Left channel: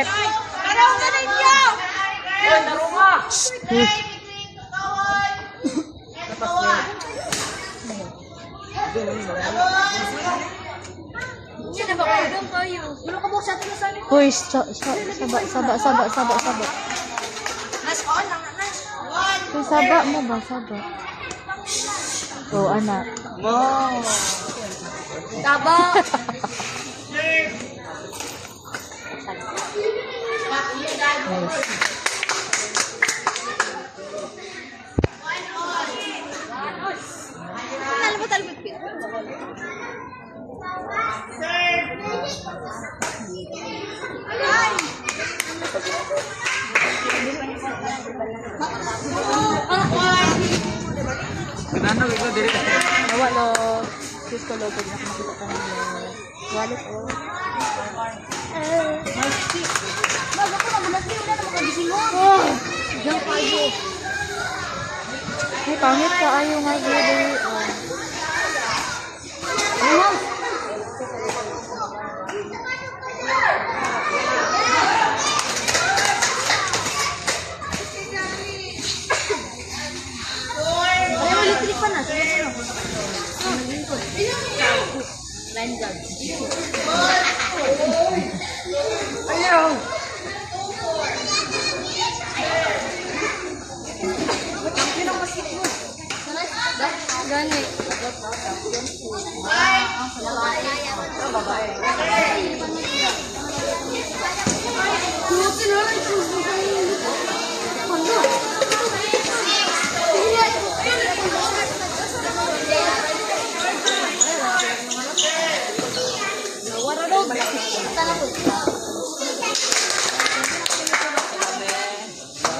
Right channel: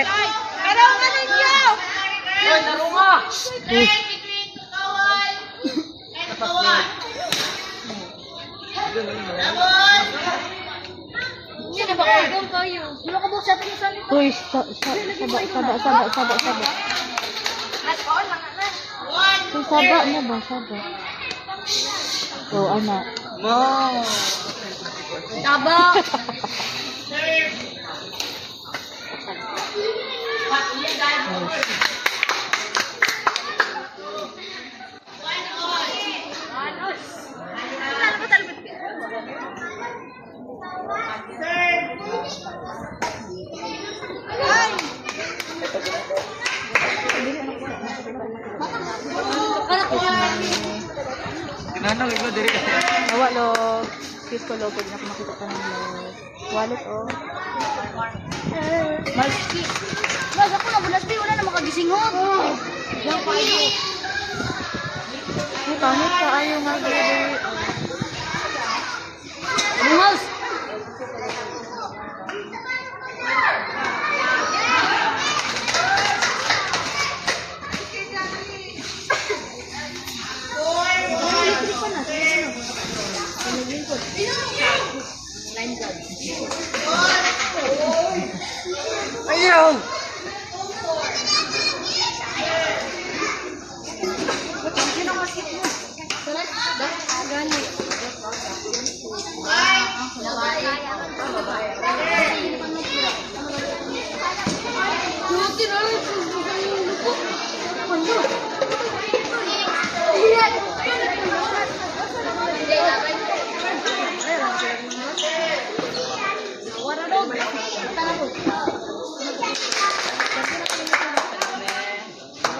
Malupit. Pero ang ninyo! Uy, saba. Kung saba mo ba? Saba. Oh, anak. Taba! Nawa lo. Excuse ko lo. Pag nakita ka ng lo. Wallet oh. Ay, pangit ka. Ayaw nga baby.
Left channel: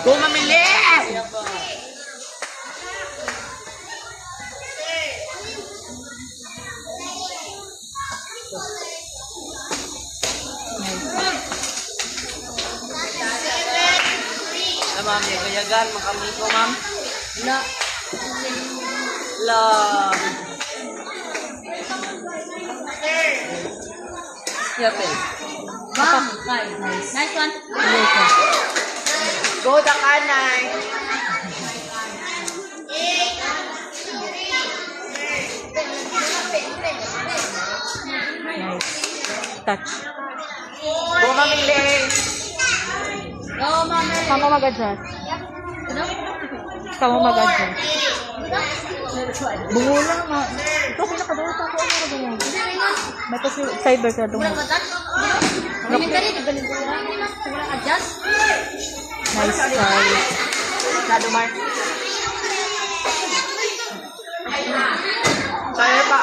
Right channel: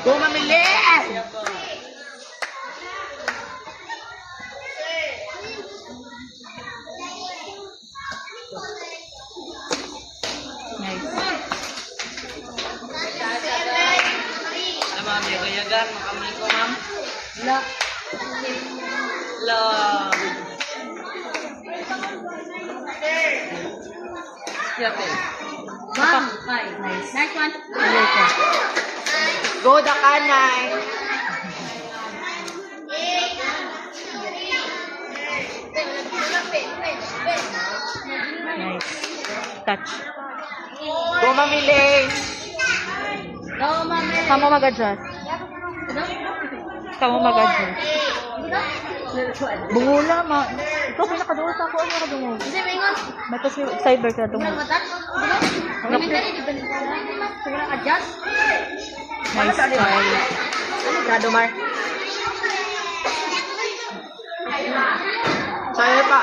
Go mamili! Nice one. Go the kanay! Nice. Touch. Go mamili! Kamu mag-adjust. Bungula ma. Ito pinakaduol pa ako. Ano ka dungog? May kasi cyber ka dungog. Nice try. Kado Mar. Sa'yo pa.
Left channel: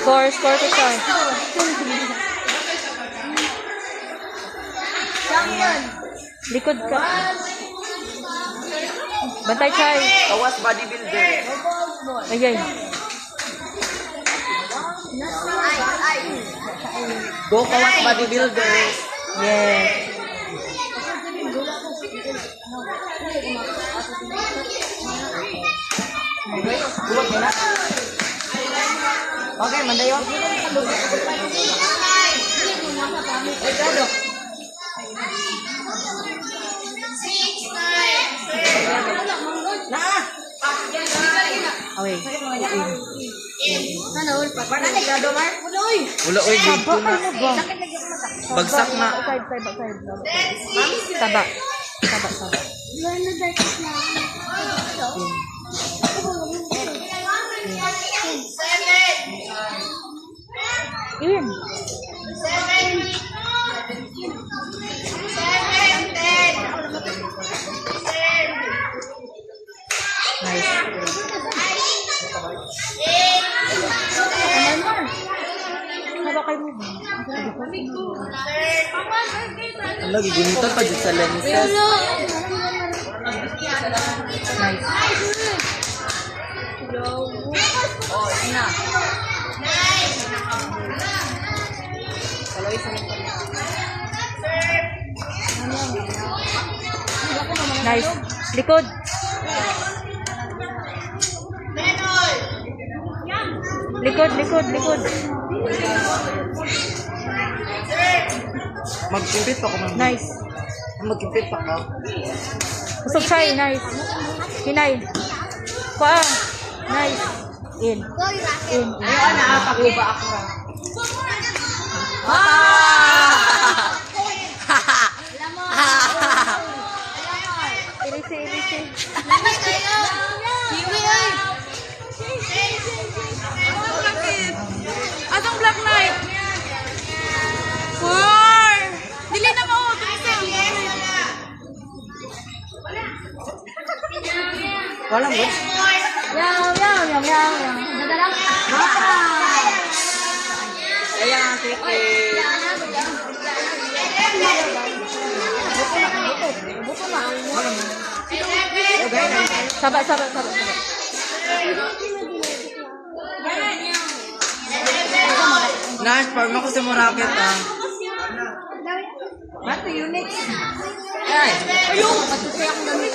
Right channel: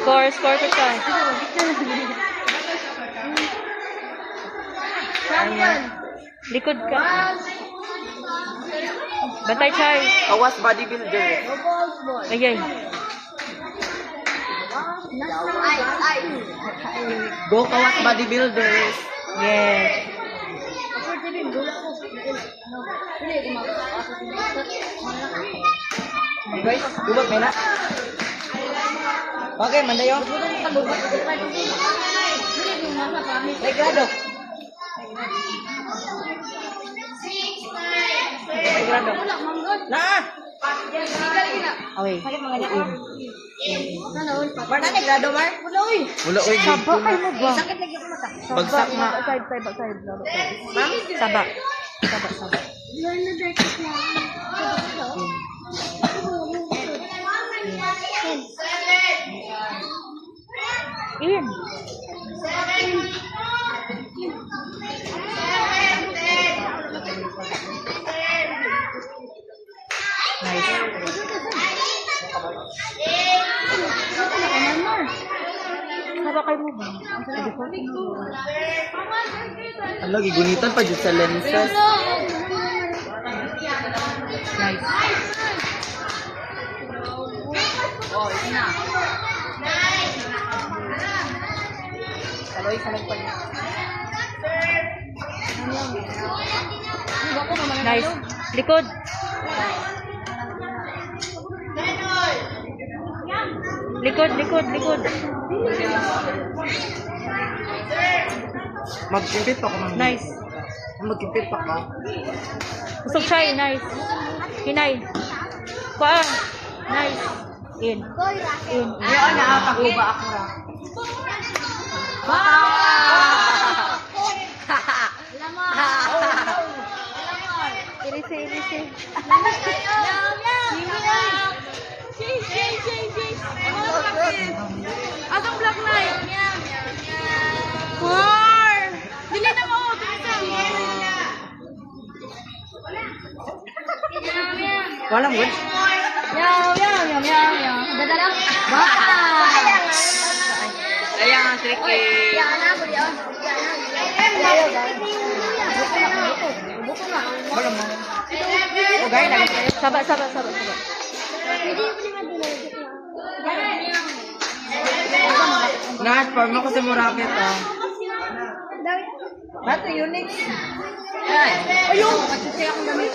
Score pa try. Likod ka. Bantay try. Tawas bodybuilder. Ayay. Go Tawas bodybuilder. Yes. Lumot mo na. Okay, mandayo. Ay, Gado. Na! Away. Mana ni Gado, Mar? Uloy! Saba kayo mo ba? Bagsak na. Side. Saba. Iyan. Nice. Saba kayo mo ba? Ang lagi gunitan pa dyan sa lenses. Nice. Nice. Likod. Likod. Magkimpit pa ako. Nice. Magkimpit pa ako. Kusog siya eh. Nice. Hinay. Kuha. Nice. In. In. Ayaw na nakakakuba ako. Ilisi, ilisi. Atong Black Knight. War! Dili na mo. Wala mo. Yaw, yaw, yaw, yaw, yaw. Dadala. Ayan ang cricket. Buto na. Wala mo. Sabat, sabat, sabat, sabat. Na-farm ako sa Murabit ah. Bato, unique. Ay! Ayun! Pagkakaya akong gamit.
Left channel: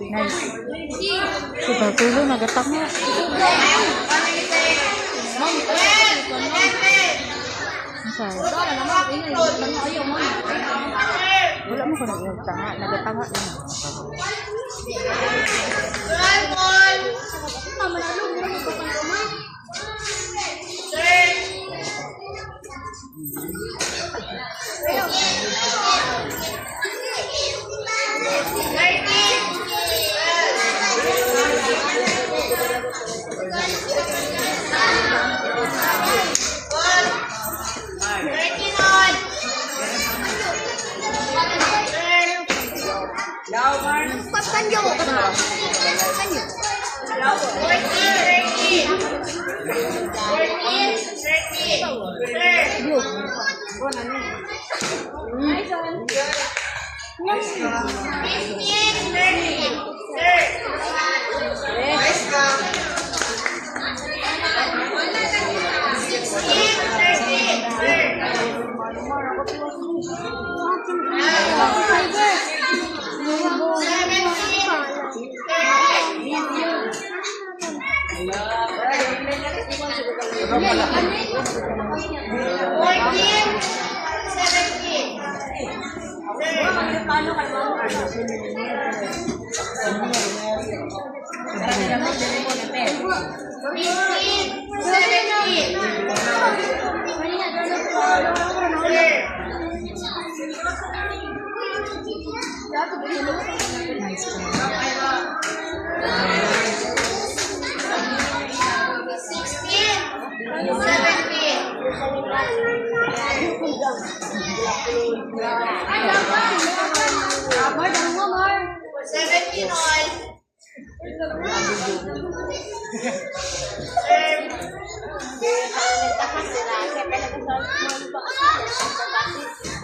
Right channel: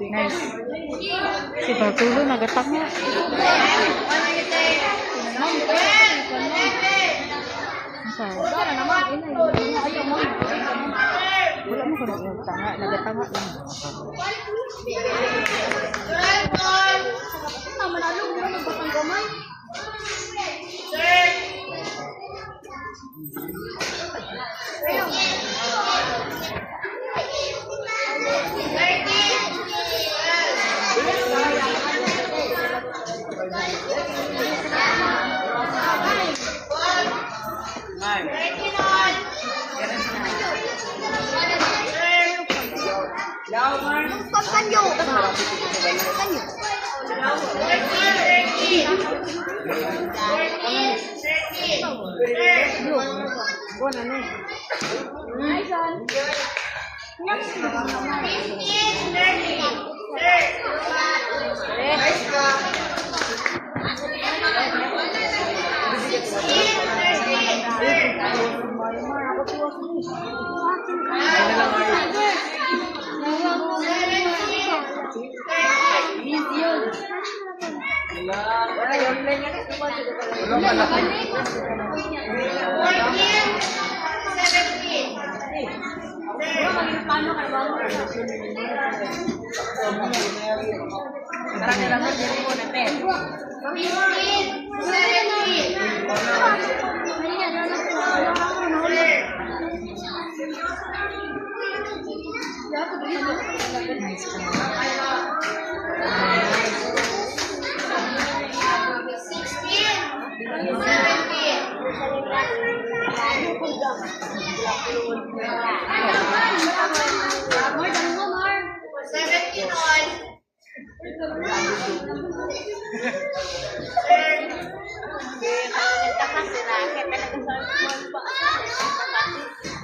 Nice. Si Bartulo, nagatak nga. Wala mo ko nagtanga. Nagatanga lang.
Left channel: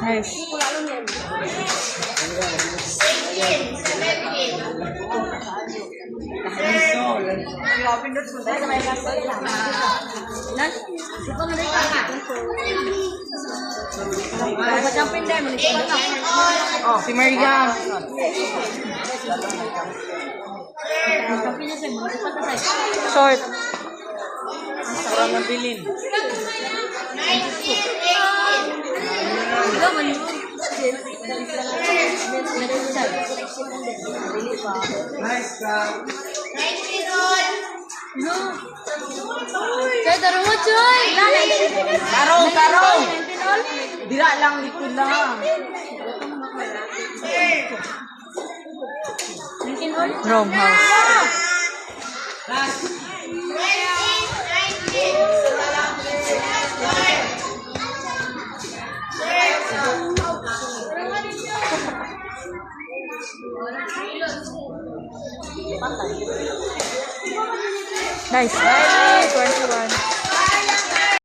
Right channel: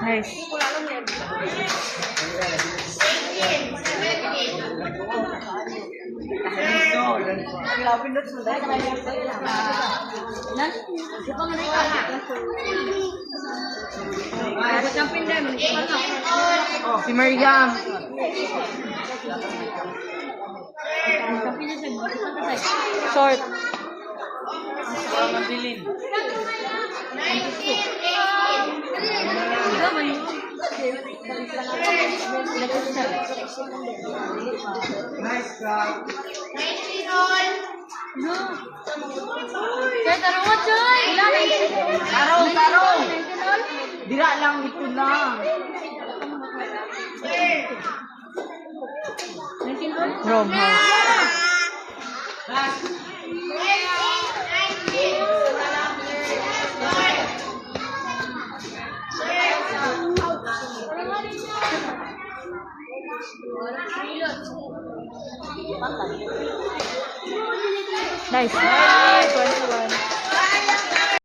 Nice. Oh, si Maria. Short. Bilin. Nice crowd. Choy, taro mo, Choy! Tarong, tarong. Dira lang ito lang. Rome house. Nice. 21.